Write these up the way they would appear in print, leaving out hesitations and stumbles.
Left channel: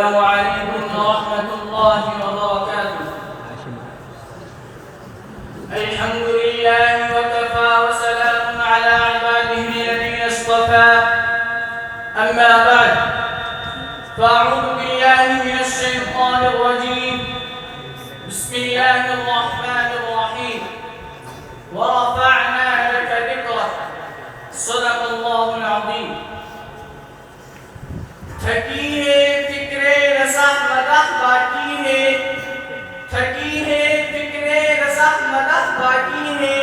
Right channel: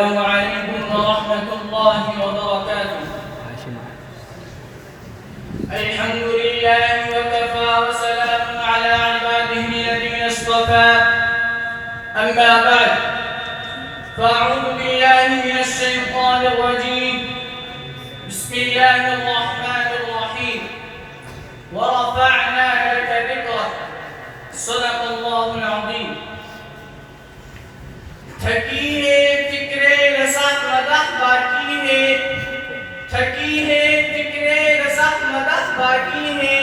السلام عليكم ورحمة الله وبركاته. الحمد لله وكفى وسلام على عباده الذين اصطفى. أما بعد فأعوذ بالله من الشيطان الرجيم. بسم الله الرحمن الرحيم. ورفعنا لك ذكرك. صدق الله العظيم. تھکی ہے فکر رسخ مدح باقی ہے، تھکی ہے فکر رسخ مدح باقی ہے،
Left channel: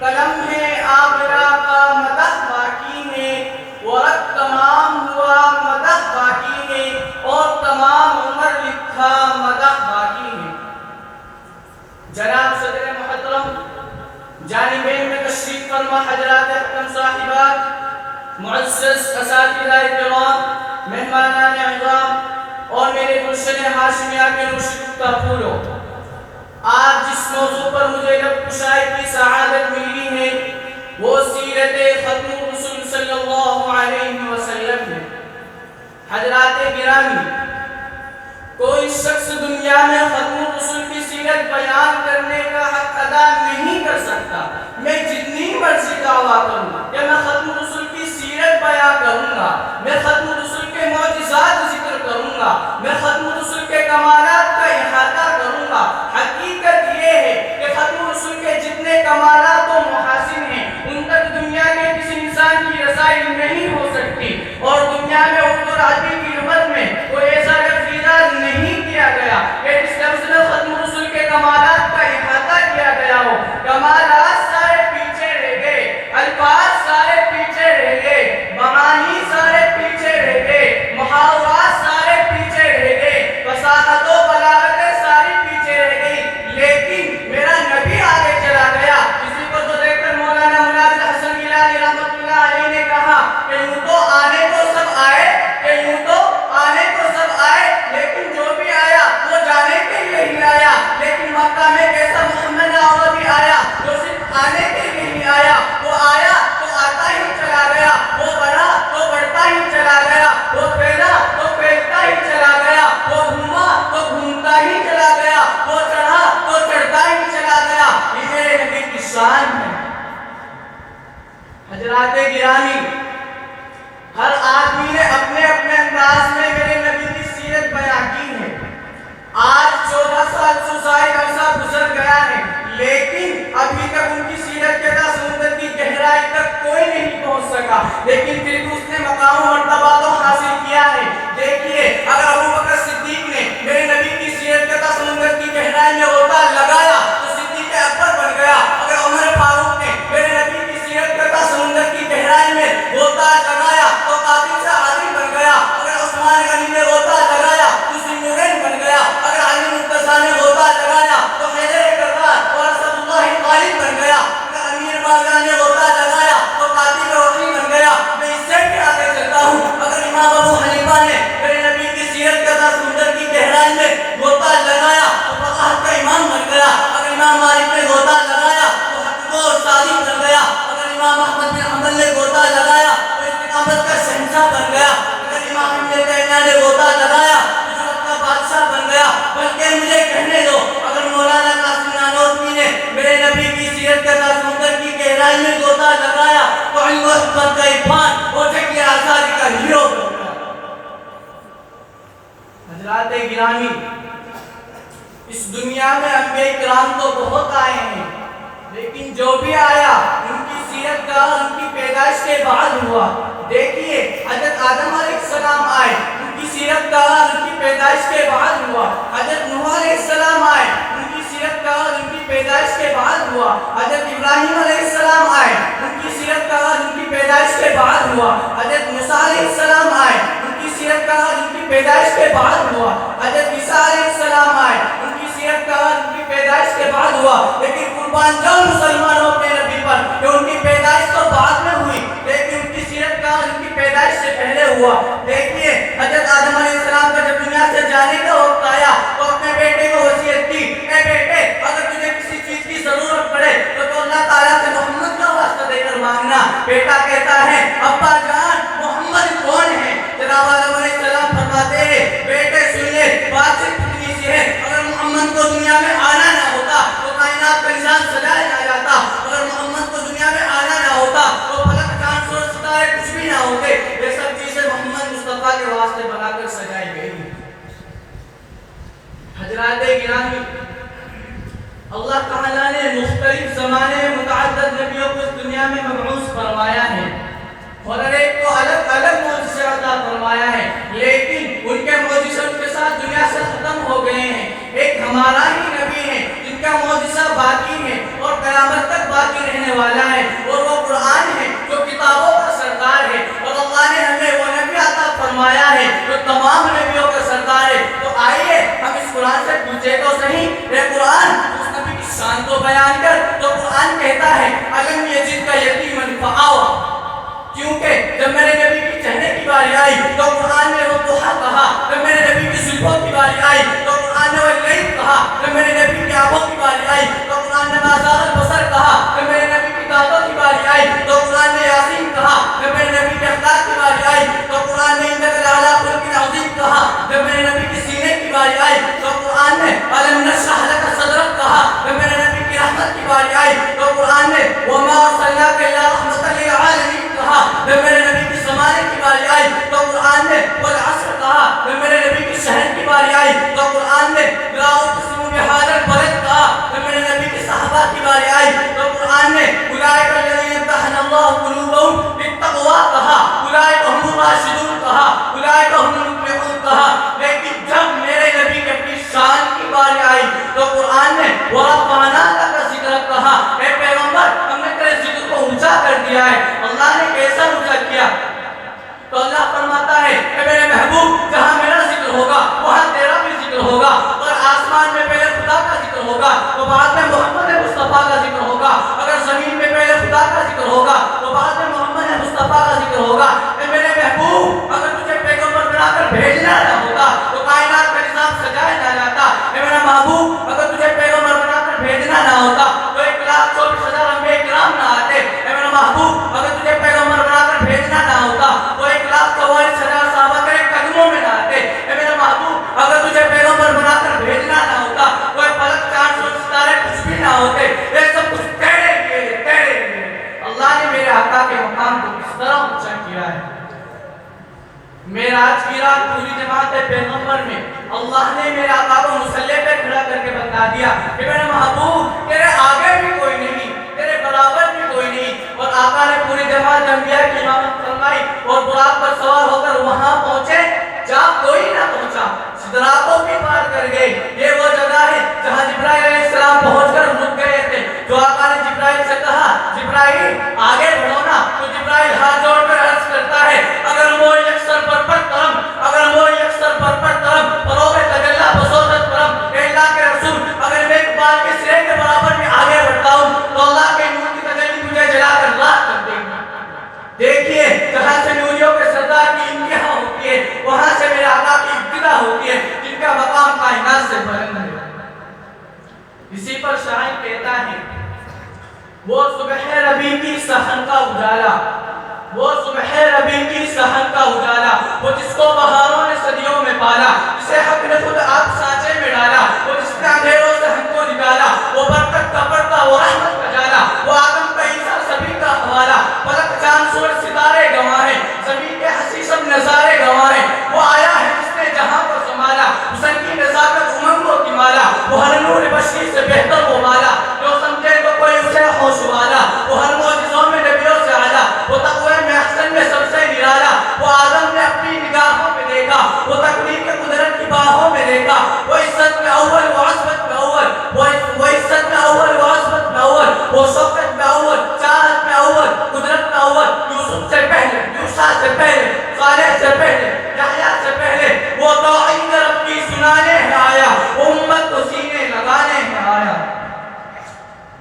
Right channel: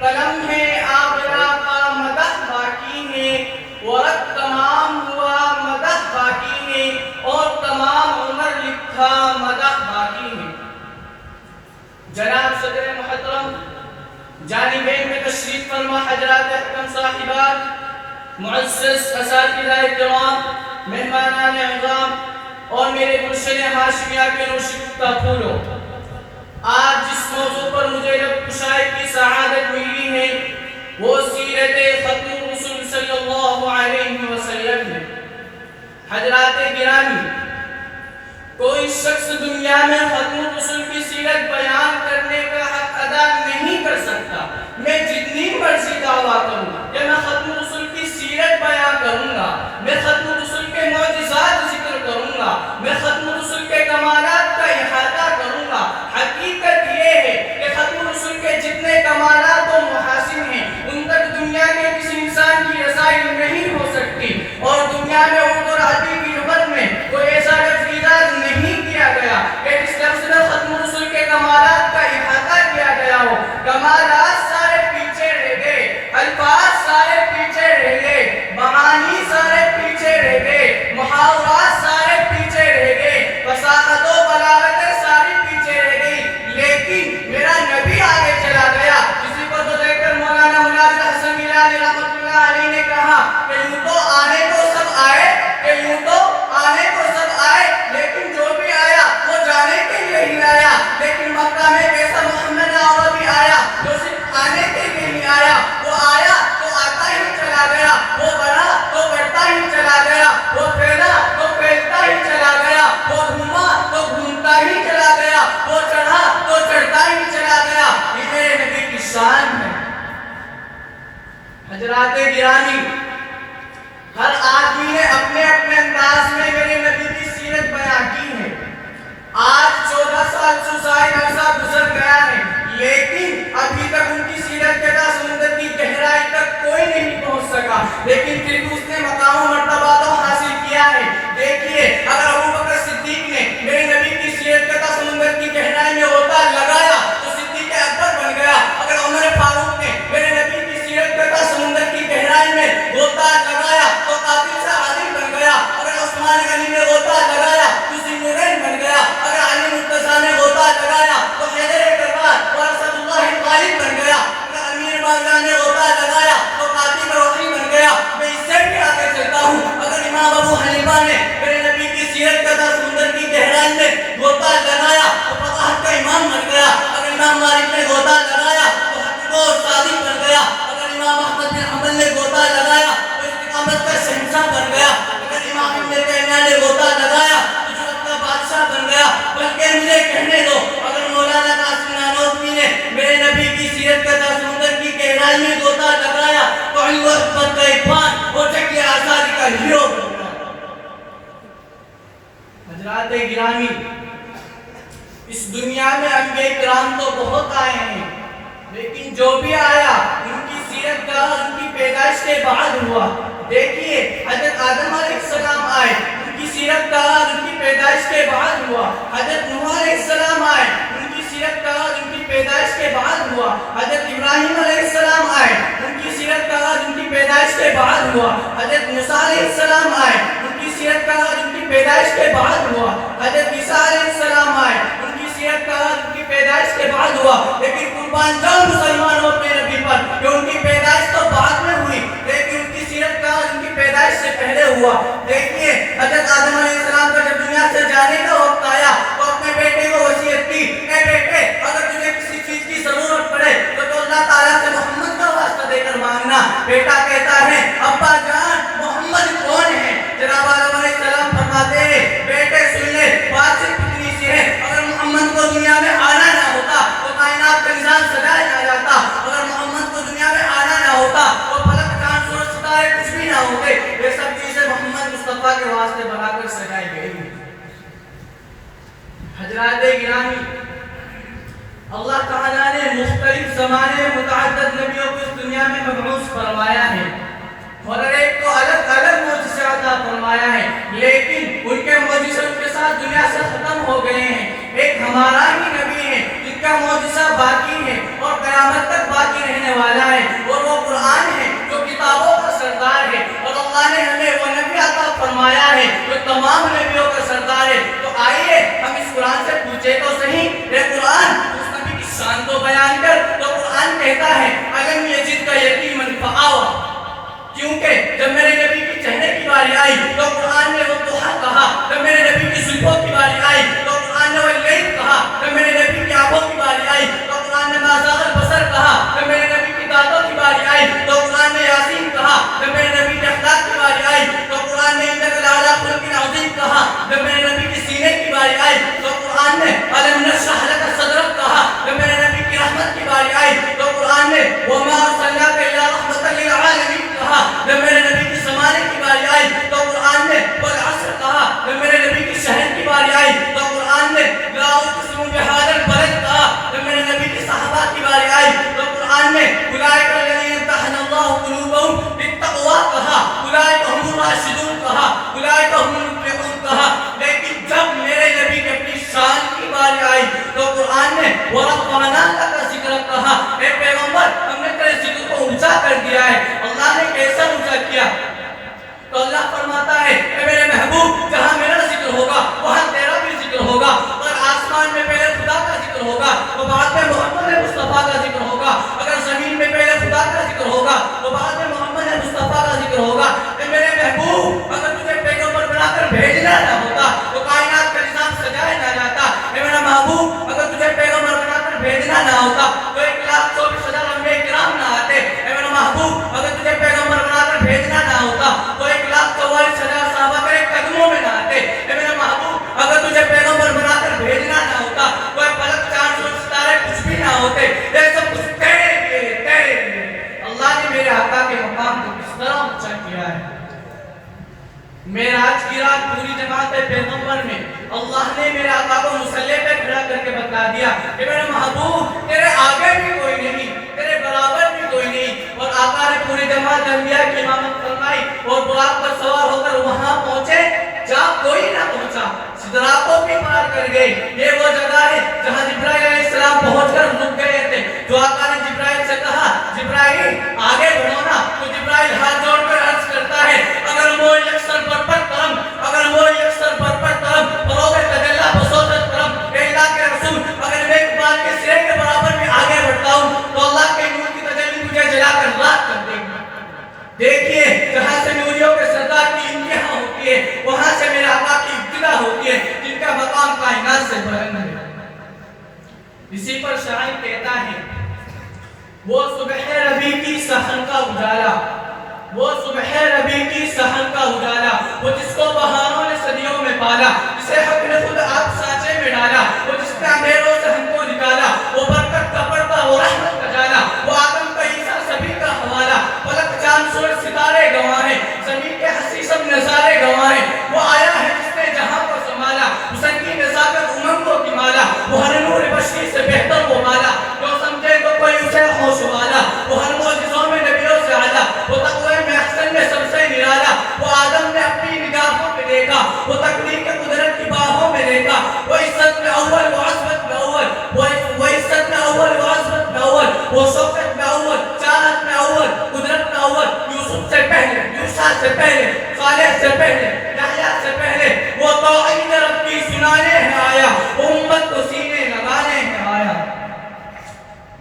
قلم ہے آبرا کا مدح باقی ہے، ورق تمام ہوا مدح باقی ہے، اور تمام عمر لکھا مدح باقی ہے۔ جناب صدر محترم، جانبین میں تشریف فرما حضرات احکم صاحبات، معزز اساتذہ کرام، مہمانان اعظام اور میرے مرشد ہاشمیہ کے نوشگفتہ پھولوں، آج جس موضوع پر مجھے لب کشائی کی سعادت ملی ہے وہ سیرت ختم رسول صلی اللہ علیہ وسلم ہے۔ حضرات گرامی، کوئی شخص دنیا میں ختم رسول کی سیرت بیان کرنے کا حق ادا نہیں کر سکتا۔ میں جتنی مرضی دعویٰ کروں کہ میں ختم رسول کی سیرت بیان کروں گا، میں ختم رسول کے معجزات ذکر کروں گا، میں ختم رسول کے کمالات کا احاطہ کروں گا، حقیقت یہ ہے کہ ختم رسول کے جتنے کمالات و محاسن ہیں ان تک دنیا کے کسی انسان کی رسائی نہیں ہو سکتی، اور دنیا میں اردو اور عربی کی لغت میں کوئی ایسا لفظ نہیں کیا گیا کہ اس لفظ میں ختم رسول کے کمالات کا احاطہ کیا گیا ہو۔ کمالات سارے پیچھے رہ گئے، الفاظ سارے پیچھے رہ گئے، معانی سارے پیچھے رہ گئے، محاورات سارے پیچھے رہ گئے، فصاحت و بلاغت ساری پیچھے رہ گئی، لیکن میرا نبی آگے چلا گیا۔ اسی کو تو دیکھ کر مولانا مناظر حسن گیلانی رحمۃ اللہ علیہ نے کہا کہ یوں تو آنے کو سب آئے، کہ یوں تو آنے کو سب آئے، لیکن جو بھی آیا وہ جانے کے لیے ہی آیا، لیکن مکہ میں ایسا محمد عربی آیا جو صرف آنے کے لیے ہی آیا، وہ آیا تو آتا ہی چلا گیا، وہ بڑھا تو بڑھتا ہی چلا گیا، وہ پھیلا تو پھیلتا ہی چلا گیا، وہ گھوما تو گھومتا ہی چلا گیا، وہ چڑھا تو چڑھتا ہی چلا گیا۔ یہ میرے نبی کی شان ہے۔ حضرات گرامی، ہر آدمی نے اپنے اپنے انداز میں میرے نبی کی سیرت بیان کی ہے۔ آج 14 سال سے زائد عرصہ گزر گیا ہے، لیکن ابھی تک ان کی سیرت کے سمندر کی گہرائی تک کوئی نہیں پہنچ سکا، لیکن پھر بھی اس نے مقام و مرتبہ تو حاصل کیا ہے۔ دیکھیے، اگر ابو بکر صدیق نے میرے نبی کی سیرت کے سمندر کی گہرائی میں غوطہ لگایا تو صدیق اکبر بن گیا۔ اگر عمر فاروق نے میرے نبی کی سیرت کے سمندر کی گہرائی میں غوطہ لگایا تو قاتل سے عالم بن گیا۔ اگر عثمان غنی نے غوطہ لگایا تو ذی-النورین بن گیا۔ اگر علی مرتضیٰ نے غوطہ لگایا تو حیدر کرار اور اسد اللہ غالب بن گیا۔ اگر امیر باقر نے غوطہ لگایا تو قاتل روحی بن گیا۔ میں اس سے بھی آگے چلتا ہوں، اگر امام ابو حنیفہ نے میرے نبی کی سیرت کا سمندر کی گہرائی میں غوطہ لگایا تو فقاہت کا امام بن گیا۔ اگر امام مالک نے غوطہ لگایا تو حقیق و شادی بن گیا۔ اگر امام احمد بن حنبل نے غوطہ لگایا تو استقامت کا شہنشاہ بن گیا۔ اگر امام ابن تیمیہ نے غوطہ لگایا تو جرأت کا بادشاہ بن گیا۔ بلکہ مجھے کہنے دو، اگر مولانا قاسم نانوتوی نے میرے نبی کی سیرت کا سمندر کی گہرائی میں غوطہ لگایا تو علم و حکمت کا عرفان اور جنگ آزادی کا ہیرو بن گیا۔ حضرات گرامی، اس دنیا میں انبیاء کرام تو بہت آئے ہیں، لیکن جو بھی آیا ان کی سیرت کا ان کی پیدائش کے بعد ہوا۔ دیکھیے، حضرت آدم علیہ السلام آئے، ان کی سیرت کا ان کی پیدائش کے بعد ہوا۔ حضرت نوح علیہ السلام آئے، ان کی سیرت کا ان کی پیدائش کے بعد ہوا۔ حضرت ابراہیم علیہ السلام آئے، ان کی سیرت کا ان کی پیدائش کے بعد ہوا۔ حضرت موسیٰ علیہ السلام آئے، ان کی سیرت کا ان کی پیدائش کے بعد ہوا۔ حضرت عیسیٰ علیہ السلام آئے، ان کی سیرت کا ان کی پیدائش کے بعد ہوا۔ لیکن قربان جاؤ مسلمانوں اپنے نبی پر کہ ان کی پیدائش تو بعد میں ہوئی، لیکن ان کی سیرت کا ان کی پیدائش سے پہلے ہوا۔ دیکھیے، حضرت آدم علیہ السلام کا جب دنیا سے جانے کا وقت آیا تو اپنے بیٹے کو وصیت کی، اے بیٹے، اگر تجھے کسی چیز کی ضرورت پڑے تو اللہ تعالیٰ سے محمد کا واسطہ دے کر مانگنا۔ بیٹا کہتا ہے، ابا جان محمد کون ہے؟ جناب آدم علیہ السلام فرماتے ہیں، بیٹے گرامی، اللہ تعالیٰ نے مختلف زمانے میں متعدد نبیوں کو اس دنیا میں مبعوث فرمایا ہے اور ہر ایک کو الگ الگ معجزے عطا فرمایا ہے، لیکن ان کے معجزے کے ساتھ دنیا سے ختم ہو گئے ہیں۔ ایک ہمارا ہی نبی ہے جن کا معجزہ باقی ہے اور قیامت تک باقی رہنے والا ہے، اور وہ قرآن ہے جو کتابوں کا سردار ہے، اور اللہ نے ہمیں وہ نبی عطا فرمایا ہے جو تمام نبیوں کا سردار ہے۔ تو آئیے ہم اس قرآن سے پوچھے تو صحیح، یہ قرآن اس نبی کی شان کو بیان کر، تو قرآن کہتا ہے الم یجد کا یتیما فآویٰ، کیونکہ جب میرے نبی کی چہرے کی باری آئی تو قرآن نے وہ دوہا کہا، جب میرے نبی کی زلفوں کی باری آئی تو قرآن نے واللیل کہا، جب میرے نبی کی آنکھوں کی باری آئی تو قرآن نے ما زاغ البصر کہا، جب میرے نبی کی دانتوں کی باری آئی تو قرآن نے یاسین کہا، جب میرے نبی کے اخلاق کی باری آئی تو قرآن نے انک لعلی خلق عظیم کہا، جب میرے نبی کی سینے کی باری آئی تو قرآن نے الم نشرح لک صدرک کہا، جب میرے نبی کی رحمت کی باری آئی تو قرآن نے وما ارسلناک الا رحمۃ للعالمین کہا، جب میرے نبی کی زمانے کی باری آئی تو قرآن نے والعصر کہا، جب میرے نبی کی شہر کی باری آئی تو قرآن نے لا اقسم بہذا البلد کہا، جب میرے نبی کی صحابہ کی باری آئی تو قرآن نے اولئک الذین امتحن اللہ قلوبهم للتقوی کہا، اولئک هم الراشدون کہا، اولئک هم المفلحون کہا، لیکن جب میرے نبی کی اپنی شان کی باری آئی تو قرآن نے ورفعنا لک ذکرک کہا، اے پیغمبر ہم نے تیرے ذکر کو اونچا کر دیا ہے۔ اللہ نے کیسا اونچا کیا؟ تو اللہ فرماتا ہے کہ میرے محبوب جہاں میرا ذکر ہوگا وہاں تیرا بھی ذکر ہوگا، اور آسمان میں پہلے خدا کا ذکر ہوگا تو بعد میں محمد مصطفیٰ کا ذکر ہوگا، اگر زمین میں پہلے خدا کا ذکر ہوگا تو بعد میں محمد مصطفیٰ کا ذکر ہوگا۔ کہ میرے محبوب اگر تجھے پیغمبر بنا کر بھیجنا نہ ہوتا تو کائنات کا نظام سجایا نہ جاتا، کہ میرا محبوب اگر تجھے پیغمبر بنا کر بھیجنا نہ ہوتا تو 1,24,000 انبیاء کرام نہ آتے، کہ میرا محبوب اگر تجھے پیغمبر بنا کر بھیجنا نہ ہوتا تو 1,44,000 صحابہ تیرے قدموں میں نہ آتے، کہ میرے محبوب اگر تجھے پیغمبر بنا کر بھیجنا نہ ہوتا تو فلک چاند سورج ستارے کچھ بھی نہ ہوتے، یہ سب کچھ تیرے لیے۔ اللہ نے میرے آقا کے مقام کو کس طرح اونچا کیا ہے۔ معراج کی رات پوری جماعت پیغمبر میں اللہ نے میرے آقا کو مصلی پہ کھڑا کر کے بتا دیا کہ میرے محبوب تیرے آگے بھی کوئی نہیں، تیرے برابر بھی کوئی نہیں، اور آقا نے پوری جماعت انبیاء کی امامت فرمائی اور براق پر سوار ہو کر وہاں پہنچے جہاں کوئی نہ پہنچا، سدرا کو بھی پار کر گئے۔ یہ وہ جگہ ہے جہاں جبرائیل علیہ السلام پہنچ کر رک گئے تھے، جو آقا نے جبرائیل سے کہا جبرائیل آگے بڑھو نا، تو جبرائیل ہاتھ جوڑ کر عرض کرتا ہے اگر وہ یکسر برپر کرم، اگر وہ یکسر برپر کرم فروغ تجلی بصورت کرم، اے اللہ کے رسول اگر میں اقبال کے سرے کے برابر میں آگے بڑھتا ہوں تو اللہ کے نور کی تجلی مجھے جلا کر راک کر دے گی۔ دیکھیے جہاں سے نوریوں کے سردار کی انتہا ہوتی ہے وہاں سے میرے آقا کی ابتدا ہوتی ہے، جن کا مقام کائنات سے بلند ہے۔ اسی پر شاعر کہتا ہے وہ صبح ربیع کی صحن کا اجالا، وہ صبح ربیع کی صحن کا اجالا، وہ جس کو بہاروں نے صدیوں میں پالا، جسے حق نے خود آگ سانچے میں ڈالا، وہ جس نے اندھیروں سے ہم کو نکالا، وہ برکت کا پردہ وہ رحمت کا جالا، وہ آدم کا عیسیٰ سبھی کا حوالہ، فلک چاند سورج ستارے گواہ ہیں، زمین کے حسی سب نظارے گواہ ہیں، وہ آیا ہے جس نے جہاں کو سنبھالا، حسن کی نزاکت امنگوں کی مالا، وہ ہر نور بشری سے بہتر وہ مالا، جو سمجھے تو کوئی اسے ہوش والا، وہ ہر معجزوں میں نبیوں سے اعلیٰ، وہ تقوی میں احسن میں سب سے نرالا، وہ آدم نے اپنی نگاہوں میں دیکھا، وہ تقدیر کے قدرت کی باہوں میں دیکھا، وہ عزت میں اول وہ عظمت میں اول، وہ عزت میں اول وہ عظمت میں اول، وہ شوکت میں اول، چاہت میں اول، قدرت میں اول، یوسف سے پہلے، موسیٰ سے پہلے، صالح سے پہلے، یحییٰ سے پہلے، وہ توحید رب کی سنانے ہے آیا، امت کو سینے لگانے ہے آیا،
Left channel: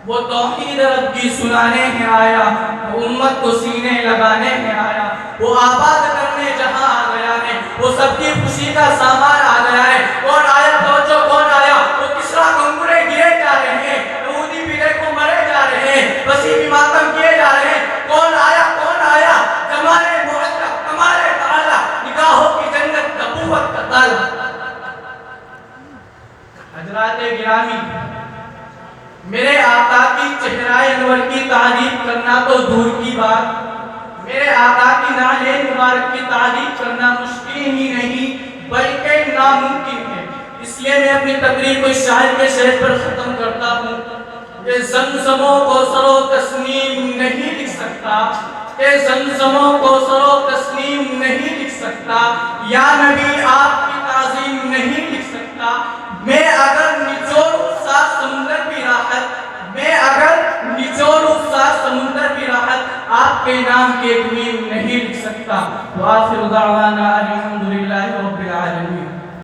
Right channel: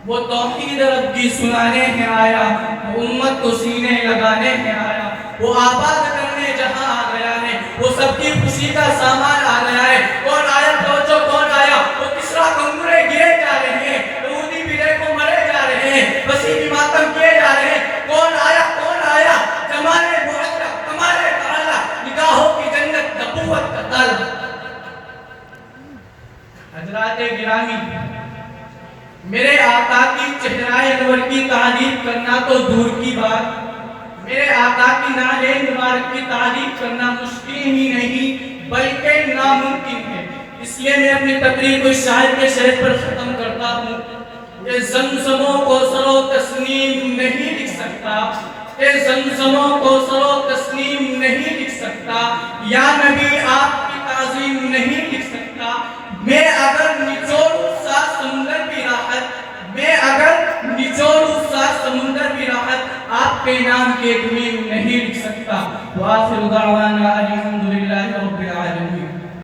وہ توحید رب کی سنانے ہے آیا، وہ امت کو سینے لگانے ہے آیا، وہ آباد کرنے جہاں آ گیا ہے، وہ سب کی خوشی کا سامان آ گیا ہے۔ کون آیا توجہ کون آیا؟ وہ کسرا گنگرے گئے جا رہے ہیں، یہودی بھی دیکھو مرے جا رہے ہیں، وسیع بھی ماتم کیے جا رہے ہیں۔ کون آیا کون آیا؟ جمال معطر کمال تعالی، نگاہوں کی جنت نبوت کا طلب۔ حضرات گرامی، میرے آقا کی چہرہ انور کی تعریف کرنا تو دور کی بات، میرے آقا کی نالین مبارک کی تعریف کرنا مشکل ہی نہیں بلکہ ناممکن ہے۔ اس لیے میں اپنی تقریر کو اس شاعر کے شعر پر ختم کرتا ہوں کہ زمزموں کو سرو تسنیم نہیں لکھ سکتا، کہ زمزموں کو سرو تسنیم نہیں لکھ سکتا، یا نبی آپ کی تعظیم نہیں لکھ سکتا۔ میں اگر نچوڑوں سات سمندر کی راحت، میں اگر نچوڑوں سات سمندر کی راحت، آپ کے نام کے ایک میم نہیں لکھ سکتا۔ وآخر دعوانا